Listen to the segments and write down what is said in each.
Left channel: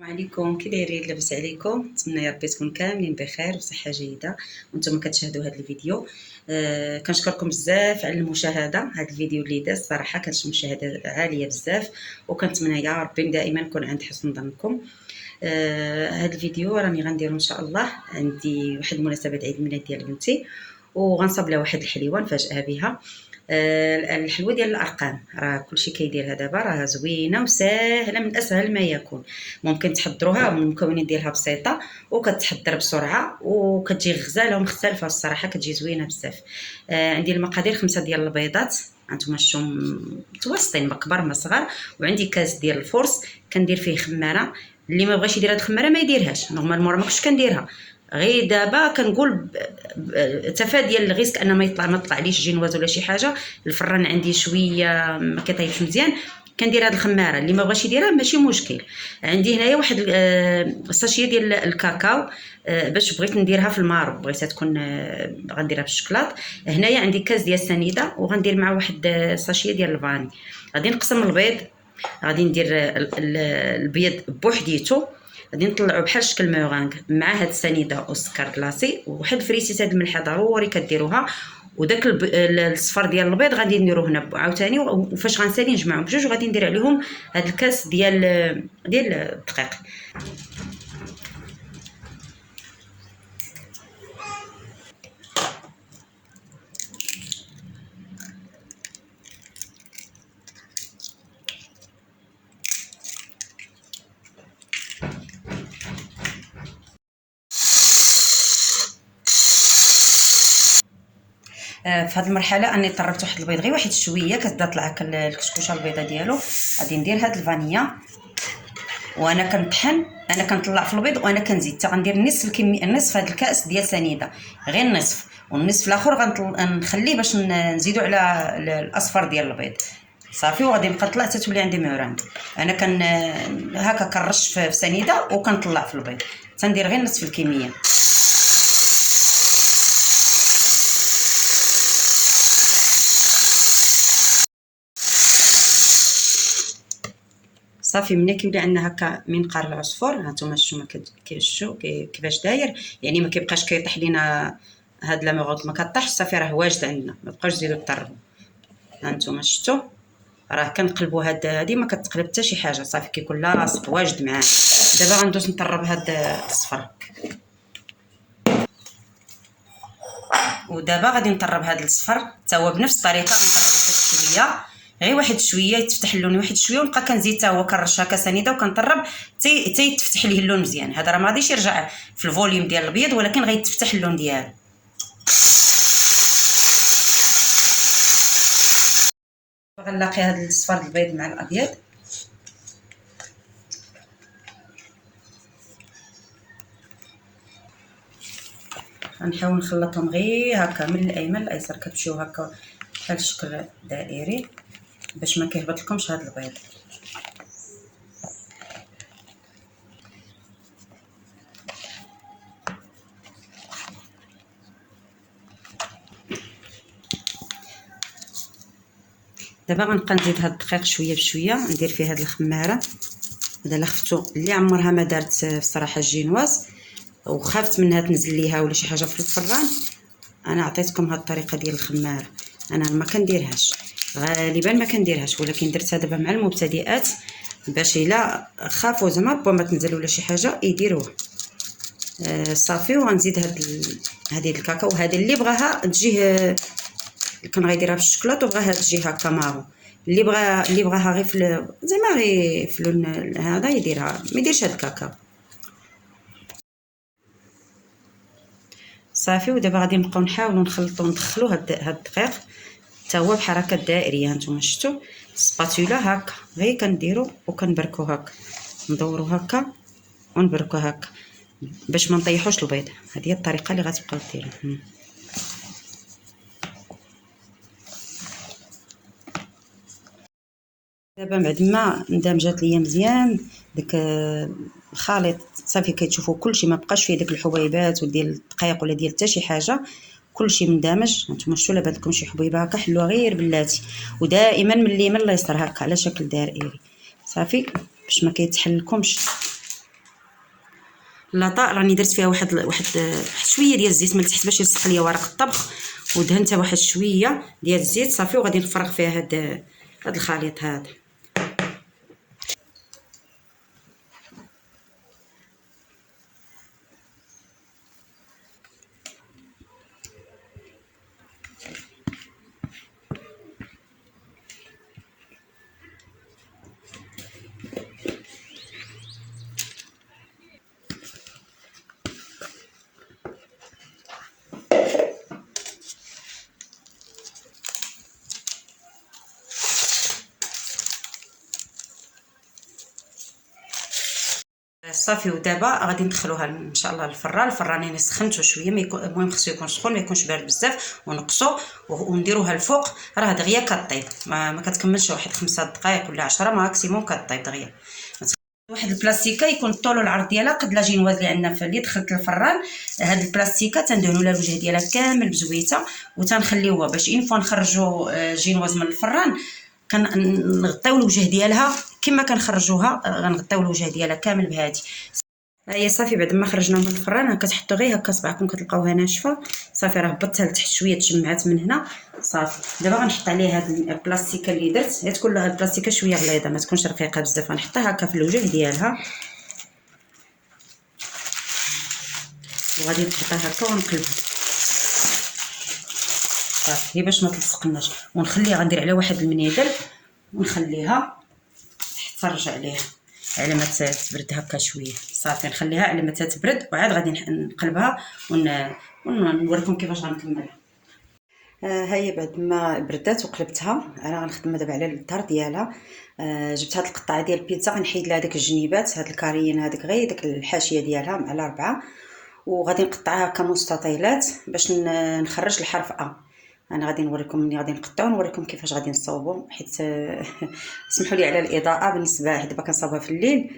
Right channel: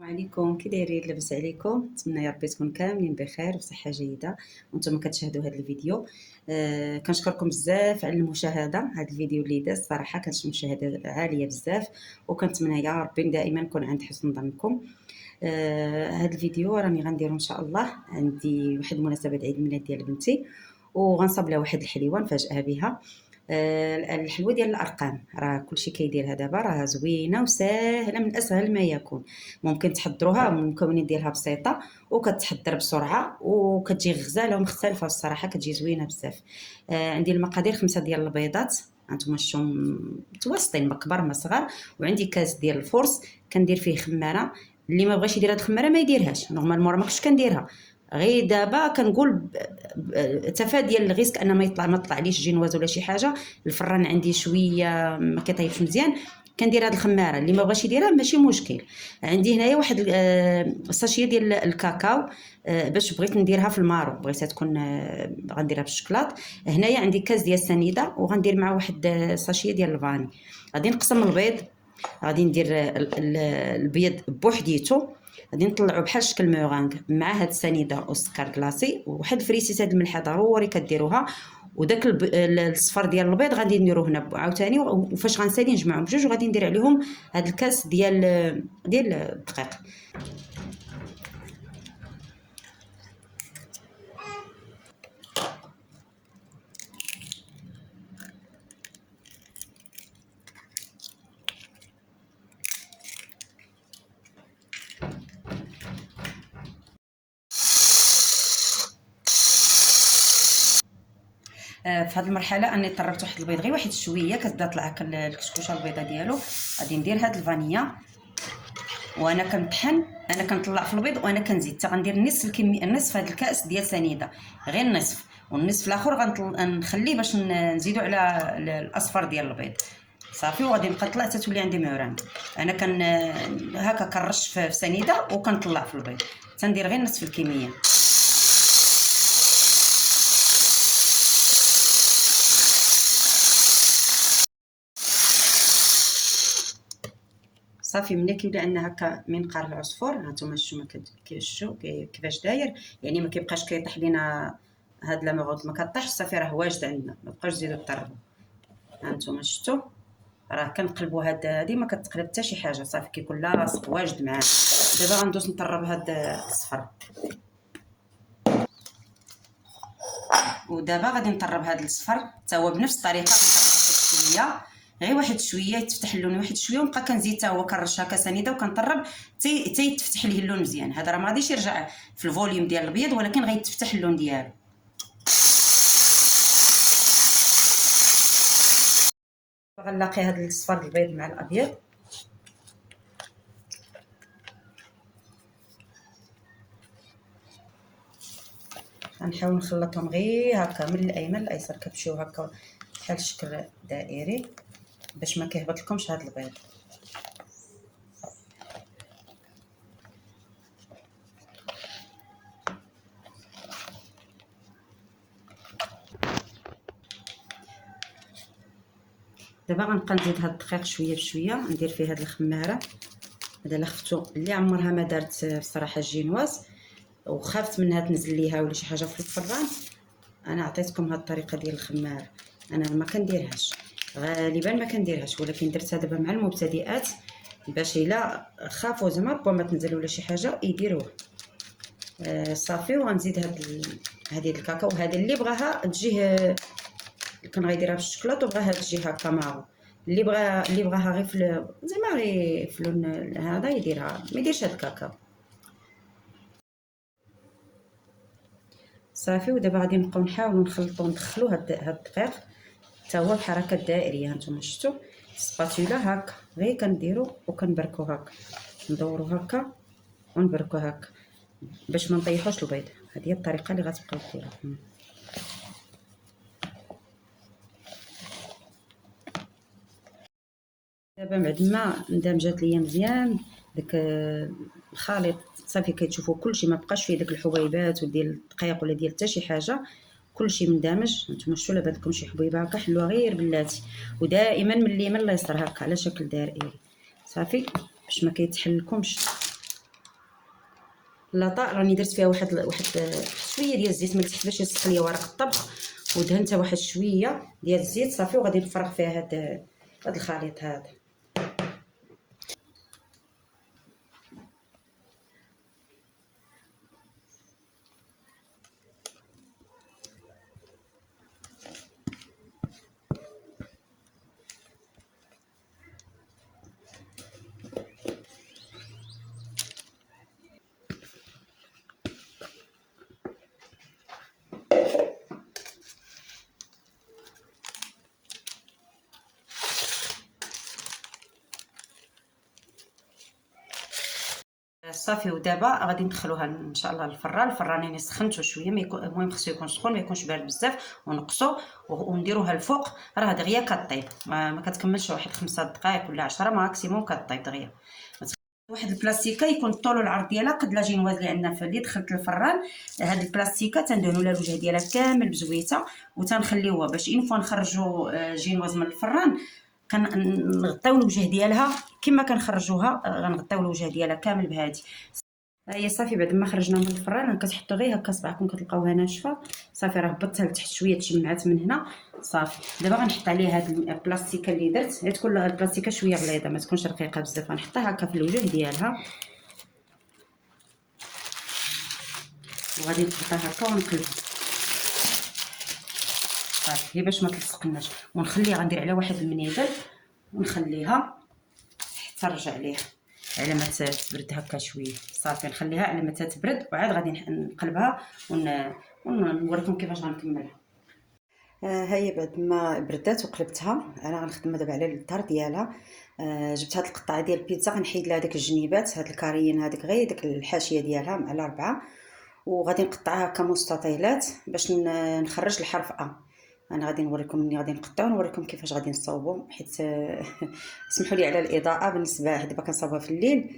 السلام عليكم، كي دايرين؟ لاباس عليكم؟ نتمنى يا ربي تكون كاملين بخير وصحه جيده وانتم كتشاهدوا هذا الفيديو. كنشكركم بزاف على المشاهده. هذا الفيديو اللي داز صراحه كانت مشاهده عاليه بزاف، وكنتمنى يا ربي دائما نكون عند حسن ظنكم. هذا الفيديو راني غنديرو ان شاء الله، عندي واحد المناسبه عيد الميلاد ديال بنتي وغنصب لها واحد الحليوه نفاجئها بها. الحلوه ديال الارقام راه كلشي كيديرها دابا، راه زوينه وساهله من اسهل ما يكون. ممكن تحضروها من المكونات ديالها بسيطه وكتحضر بسرعه وكتجي غزاله ومختلفه، الصراحه كتجي زوينه بزاف. عندي المقادير 5 ديال البيضات، هانتوما شفتم متوسطين، ما كبار ما صغار. وعندي كاس ديال الفورس كندير فيه خماره. اللي ما بغاش يدير هاد الخماره ما يديرهاش، نورمالمون ما كنتش كنديرها، غير دابا كنقول تفاديا للريسك ان ما طلعليش جينواز ولا شي حاجه. الفران عندي شويه ما كيطيبش مزيان، كندير هاد الخماره. اللي ما بغاش يديرها ماشي مشكل. عندي هنايا واحد الساشيه ديال الكاكاو، باش بغيت نديرها في المارو، بغيتها تكون غنديرها بالشكلاط. هنايا عندي كاس ديال السنيده وغندير مع واحد الساشيه ديال الفاني. غادي نقسم البيض، غادي ندير البيض بوحديتو، غادي نطلعو بحال شكل مورانغ مع هاد السنيده والسكر كلاصي وواحد فريسيت. هاد الملحه ضروري كديروها. وداك الصفر ديال البيض غادي نديروه هنا عاوتاني، وفاش غنسالي نجمعهم بجوج وغادي ندير عليهم هاد الكاس ديال الدقيق. في هذه المرحله اني طربت واحد البيض غير واحد شويه، كتبدا طلع الكشكوشه البيضه ديالو. غادي ندير هاد الفانيا وانا كنطحن، انا كنطلع في البيض وانا كنزيد حتى غندير نصف الكميه، نصف هاد الكاس ديال سنيده، غير النصف، والنصف الاخر غنخليه باش نزيدو على الاصفر ديال البيض صافي. وغادي نبقى نطلع حتى تولي عندي موران. انا هكا كنرش في سنيده وكنطلع في البيض، تندير غير نصف الكميه. صافي ملي كيولي عندنا هكا منقار العصفور، هانتوما شفتوا كيفاش كيفاش داير، يعني ما كيبقاش كيطيح لينا هاد لا ميغوط، ما كطيحش صافي، راه واجد عندنا، ما بقاوش تزيدوا تطربوا. هانتوما شفتوا راه كنقلبوا هادي ما كتقلب حتى شي حاجه، صافي كيكون لاصق واجد معاه. دابا غندوز نطرب هاد الصفر، ودابا غادي نطرب هاد الصفر حتى هو بنفس الطريقه. غنطرب شويه، غير واحد شويه يتفتح اللون واحد شويه، ونبقى كنزيد حتى هو كنرش هكا سنيده وكنطرب حتى يتفتح ليه اللون مزيان. هذا راه ما غاديش يرجع في الفوليوم ديال البيض، ولكن غيتفتح اللون ديالو. غنلاقي هذا الصفر البيض مع الابيض، غنحاول نخلطهم غير هكا من الايمن للايسر، كتمشيو هكا بحال شكل دائري باش ما كيهبط لكمش هذا البيض. دابا غنبقى نزيد هاد الدقيق شويه بشويه، ندير فيه هاد الخماره. هذا لا خفتو اللي عمرها ما دارت الصراحه الجينواز وخافت منها تنزل ليها ولا شي حاجه في الفران، انا عطيتكم هاد الطريقه ديال الخماره. انا ما كنديرهاش غالبا، ما كنديرهاش، ولكن درتها دابا مع المبتدئات باش الا خافوا زعما ما تنزل ولا شي حاجه يديروها. صافي. وغنزيد هذه الكاكاو، وهذه اللي بغاها تجيه كان غيديرها بالشوكولاط وبغاها تجي هكا مارو. اللي بغاها غير في زعما غير في اللون هذا يديرها، ما يديرش هاد الكاكاو صافي. ودابا غادي نبقاو نحاولوا نخلطوا ندخلوا هاد الدقيق حتى هو بحركه دائريه. هانتوما شفتوا سباتولا هكا غير كنديروا وكنبركوا هكا، ندوروا هكا ونبركوا هكا باش ما نطيحوش البيض. هذه هي الطريقه اللي غتبقاو ديروها. دابا بعد ما اندمجات ليا مزيان داك الخليط، صافي كتشوفوا كلشي ما بقاش فيه داك الحبيبات وديال الدقيق ولا ديال حتى شي حاجه، كلشي مندمج. هانتوما شفتوا لابد لكم شي حبيبه هكا حلوه غير بلاتي، ودائما من اليمين لليسار هكا على شكل دائري صافي باش ما كيتحلكمش. لاطا راني درت فيها واحد شويه ديال الزيت من تحت باش يلصق ليا ورق الطبخ، ودهنتها واحد شويه ديال الزيت صافي. وغادي نفرغ فيها هاد الخليط هذا. صافي ودابا غادي ندخلوها ان شاء الله للفران. الفران انا سخنته شويه، المهم خصو يكون سخون ما يكونش بارد بزاف، ونقصو ونديروها الفوق. راه دغيا كطيب، ما كتكملش واحد 5 دقائق ولا 10 ماكسيموم كطيب دغيا. واحد البلاستيكه يكون الطول والعرض ديالها قد لا جينواز اللي عندنا اللي دخلت للفران. هاد البلاستيكه تندهنوا لها الوجه ديالها كامل بزويته، وتنخليوها باش اين فوا نخرجوا جينواز من الفران كنغطيو الوجه ديالها كما كنخرجوها. غنغطيو الوجه ديالها كامل بهادي. ها هي صافي بعد ما خرجنا من الفران كتحطوا غير هكا صبعكم كتلقاوها ناشفه. صافي راه هبطتها لتحت شويه تجمعات من هنا. صافي دابا غنحط عليها هاد البلاستيكه اللي درت، هي تكون لها البلاستيكه شويه غليظه ما تكونش رقيقه بزاف. غنحطها هكا في الوجه ديالها وغادي نحطها هكا ونقلبها صافي باش ما تلصقناش. ونخليها غندير عليها واحد المنيدل ونخليها حتى نرجع ليها على ما تبرد هكا شويه. صافي نخليها على ما تبرد وعاد غادي نقلبها ونوريكم كيفاش غنكملها. ها هي بعد ما بردات وقلبتها. انا غنخدم دابا على الدار ديالها. جبت هاد القطعه ديال البيتزا غنحيد لها داك الجنيبات، هاد الكاريين هذيك غير داك الحاشيه ديالها مع الاربعه، وغادي نقطعها كمستطيلات باش نخرج الحرف انا غادي نوريكم ملي غادي نقطعو، نوريكم كيفاش غادي نصاوبو حيت سمحوا لي على الاضاءه. بالنسبه دابا كنصاوبها في الليل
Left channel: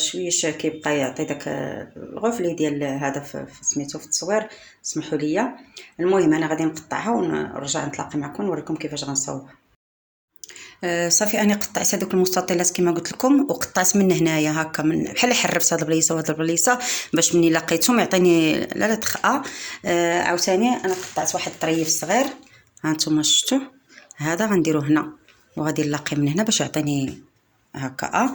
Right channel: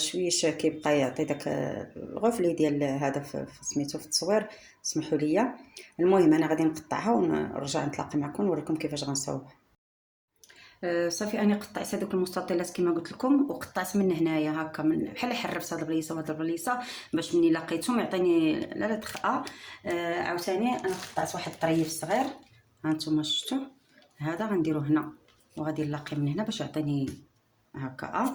شويش كيبقى يعطي داك الغفلي ديال هذا في سميتو في التصوير، سمحوا لي. المهم انا غادي نقطعها ونرجع نتلاقى معكم نوريكم كيفاش غنصاوبها. صافي انا قطعت هذوك المستطيلات كما قلت لكم، وقطعت من هنايا هكا من بحال حرفت هاد البليصه وهاد البليصه باش مني لقيتهم يعطيني لا تخا. عاوتاني انا قطعت واحد الطريف صغير ها نتوما شفتوا، هذا غنديرو هنا وغادي نلاقي من هنا باش يعطيني هكا.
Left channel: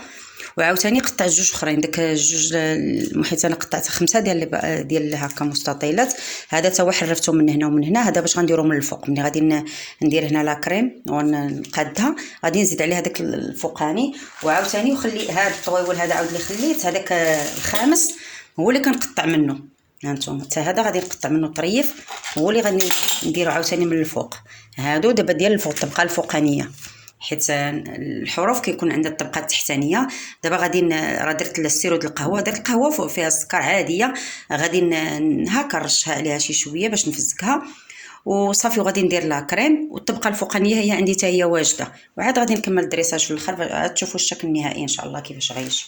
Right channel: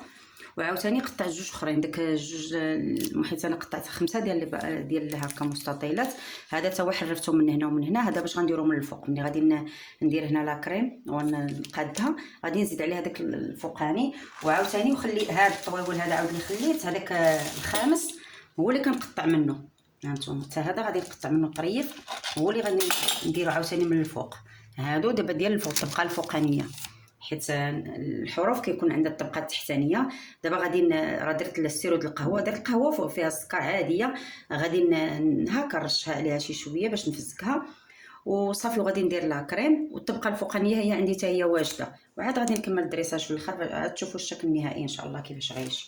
وعاوتاني قطعت جوج اخرين، داك جوج المحيط انا قطعت 5 ديال هكا مستطيلات. هذا تا هو حرفتو من هنا ومن هنا، هذا باش غنديرو من الفوق. ملي غادي ندير هنا لا كريم ونقادها غادي نزيد عليها داك الفوقاني. وعاوتاني وخلي هذا الطويول هذا عاود اللي خليت هذاك الخامس هو اللي كنقطع منه. هانتوما حتى هذا غادي نقطع منه طريف، هو اللي غادي نديرو عاوتاني من الفوق. هادو دابا ديال الفوق الطبقه الفوقانيه، حيت الحروف كيكون عندها الطبقه التحتانيه. دابا غادي راه درت السيرو ديال القهوه، درت القهوه فيها السكر عاديه، غادي هكا نرشها عليها شي شويه باش نفزكها وصافي. وغادي ندير لا كريم والطبقه الفوقانيه هي عندي حتى هي واجده، وعاد غادي نكمل الدريساج في الاخر عاد تشوفوا الشكل النهائي ان شاء الله كيفاش غيجي.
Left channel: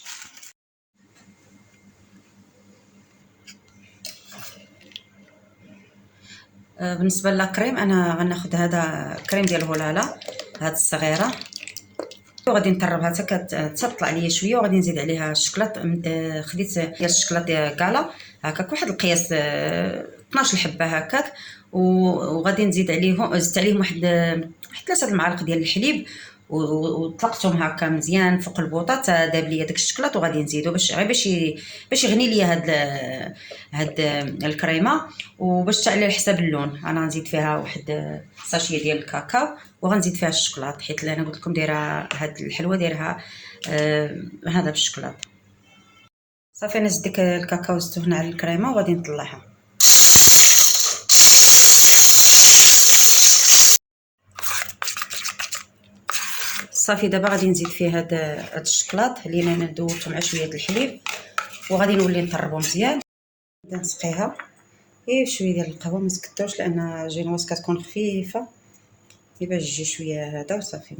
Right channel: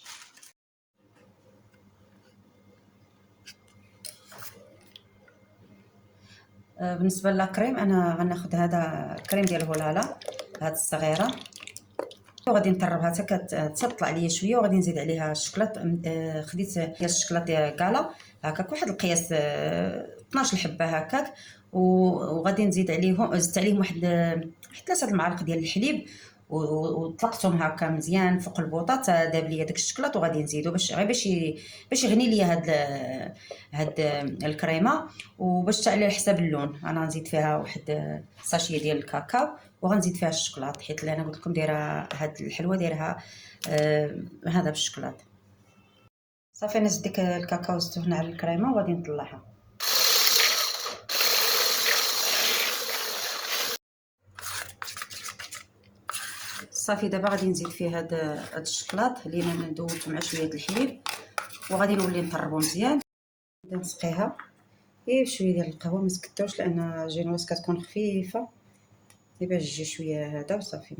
بالنسبه للكريم انا غناخذ هذا كريم ديال هولالا هاد الصغيره، وغادي نطربها حتى كتطلع ليا شويه، وغادي نزيد عليها الشكلاط. خديت ديال الشكلاط ديال كالا هكاك واحد القياس 12 حبه هكاك، وغادي نزيد عليهم زدت عليهم واحد 3 المعالق ديال الحليب وطلقتهم هكا مزيان فوق البوطه داب ليا داك الشكلاط. وغادي نزيدو باش غير باش يغني ليا هاد الكريمه. وباش على حساب اللون انا غنزيد فيها واحد ساشيه ديال الكاكاو وغنزيد فيها الشكلاط، حيت انا قلت لكم دايره هاد الحلوه دايرها هذا بالشكلاط. صافي انا زدت ديك الكاكاو زدته هنا على الكريمه وغادي نطلعها. صافي دابا غادي نزيد فيه هاد الشكلاط اللي انا دوبته مع شويه الحليب، وغادي نولي نطربو مزيان. نبدا نسقيها غير شويه ديال القهوه، ما تكثرش لان جينواز كتكون خفيفه باش تجي شويه هذا وصافي،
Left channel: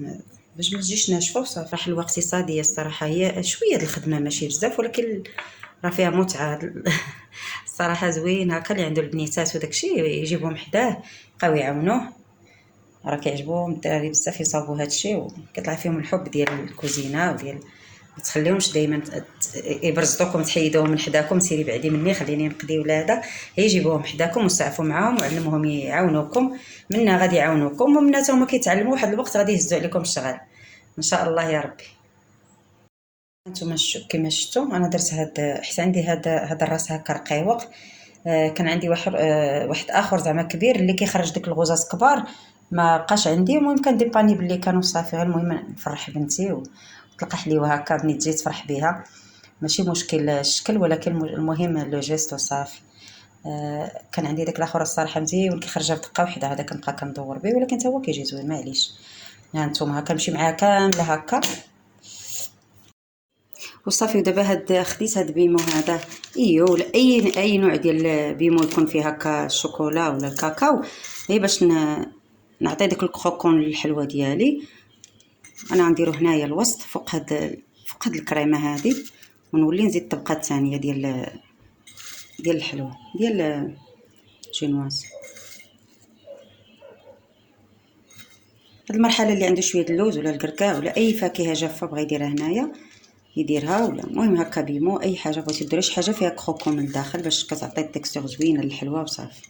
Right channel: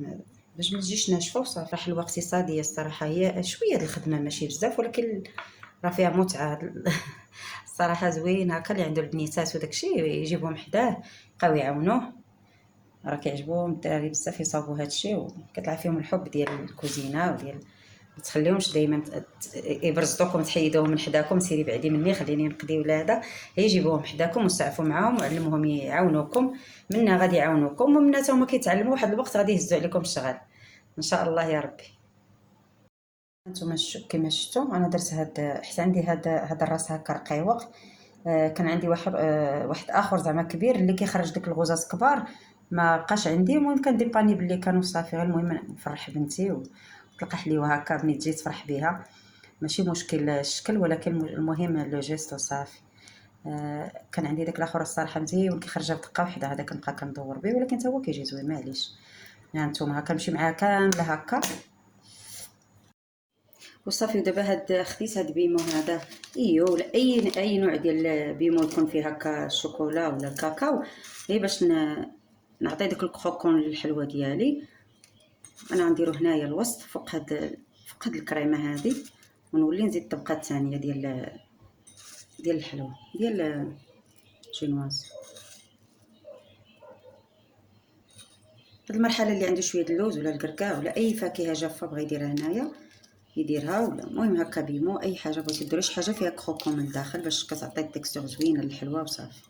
باش ما تجيش ناشفه وصافي. حلوه اقتصاديه الصراحه، هي شويه د الخدمه ماشي بزاف ولكن راه فيها متعه الصراحه زوين هكا. اللي عنده البنيتات وداكشي يجيبهم حداه بقاو يعاونوه، راه كيعجبهم الدراري بزاف يصاوبوا هادشي وكيطلع فيهم الحب ديال الكوزينه وديال ما تخليهمش دائما يبرزطوكم تحيدوهم من حداكم. سيري بعدي مني، خليني نقضي ولاده، هي جيبوهم حداكم وسعفوا معاهم وعلموهم يعاونوكم. منا غادي يعاونوكم ومنا هما كيتعلموا، واحد الوقت غادي يهزوا عليكم الشغل ان شاء الله يا ربي. نتوما كما شفتوا انا درت هاد، حيت عندي هاد الراس هكا رقيوق. كان عندي واحد اخر زعما كبير اللي كيخرج ديك الغوزات كبار، ما بقاش عندي. المهم كان ديباني بلي كانوا صافي. المهم نفرح بنتي وتلقى حليوه هكا، بني تجي تفرح بها، ماشي مشكل الشكل، ولكن المهم لو جيست وصافي. كان عندي داك الاخر الصراحه مزيون كيخرجها بدقه وحده، هذا كنبقى كندور به، ولكن حتى هو كيجي زوين معليش. ها نتوما هكا نمشي معاه كامله هكا وصافي. ودابا خديت هاد بيمو هذا، ولا اي نوع ديال بيمو يكون فيه هكا الشوكولا ولا الكاكاو، هي باش نعطي ديك الكروكون للحلوه ديالي. انا غنديرو هنايا الوسط فوق هاد الكريمه هذه، ونولي نزيد الطبقه الثانيه ديال الحلوه ديال جينواز. هاد المرحله اللي عنده شويه اللوز ولا الكركاع ولا اي فاكهه جافه بغا يديرها هنايا يديرها، ولا المهم هكا بيمو اي حاجه بغيتي ديروا، شي حاجه فيها كروكون من الداخل باش كتعطي تيكستور زوينه للحلوه وصافي.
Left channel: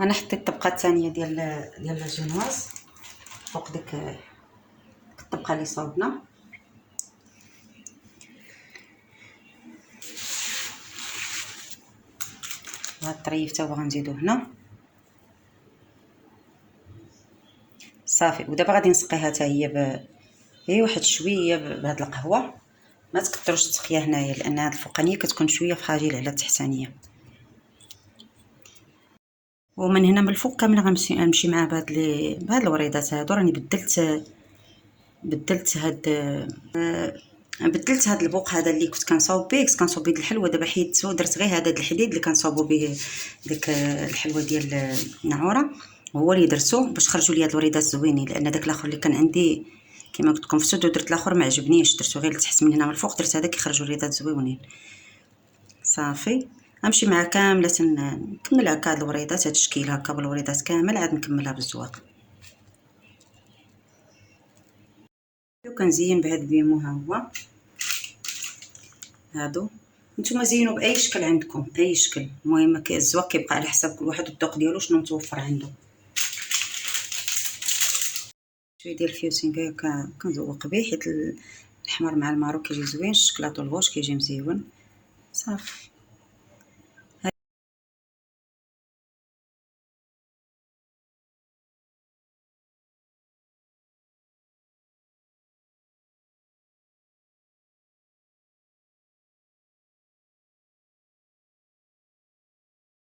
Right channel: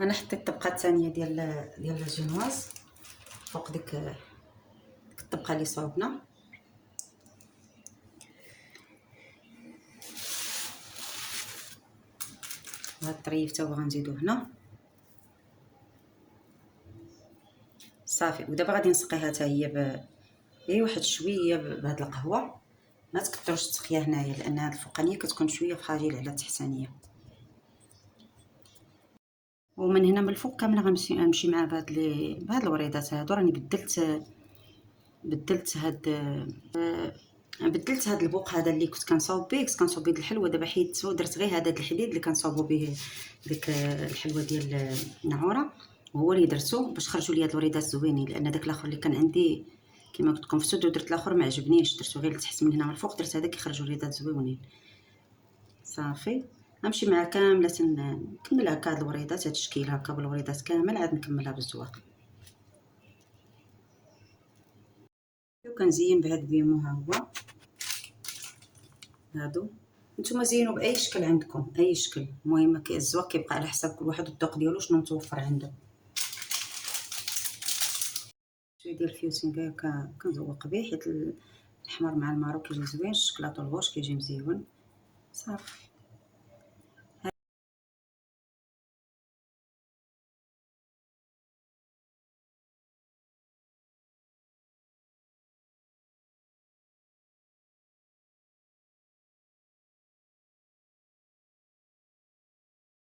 انا حطيت الطبقه الثانيه ديال الجينواز فوق ديك الطبقه اللي صوبنا. وهاد الطريف تا هو غنزيدو هنا صافي. ودابا غادي نسقيها حتى هي واحد شويه بهاد القهوه. ما تكثروش التسقيه هنايا لان هاد الفوقانيه كتكون شويه فراجيل على التحتانيه. ومن هنا من الفوق كامل غنمشي مع بهاد الوريضات هادو. راني بدلت هاد البوق هذا اللي كنت كنصاوب به، كنت كنصاوب به الحلوه. دابا حيدتو درت غير هذا الحديد اللي كنصاوبو به ديك الحلوه ديال النعوره، هو اللي درتو باش خرجوا لي هاد الوريضات زوينين. لان داك الاخر اللي كان عندي كما قلت لكم فسد ودرت الاخر ما عجبنيش، درتو غير لتحت. من هنا من الفوق درت هذا كيخرجوا الوريضات زوينين صافي. غنمشي مع كامله نكمل هكا هاد الوريضات، هاد الشكل هكا بالوريضات كامل، عاد نكملها بالزواق. وكنزين بهاد البيمو ها هو هادو. نتوما زينوا باي شكل عندكم، اي شكل، المهم الزواق كيبقى على حساب كل واحد والذوق ديالو شنو متوفر عنده. شويه ديال الفيوسينغ كنزوق به حيت الاحمر مع المارو كيجي زوين، الشكلاط والغوش كيجي مزيون صافي.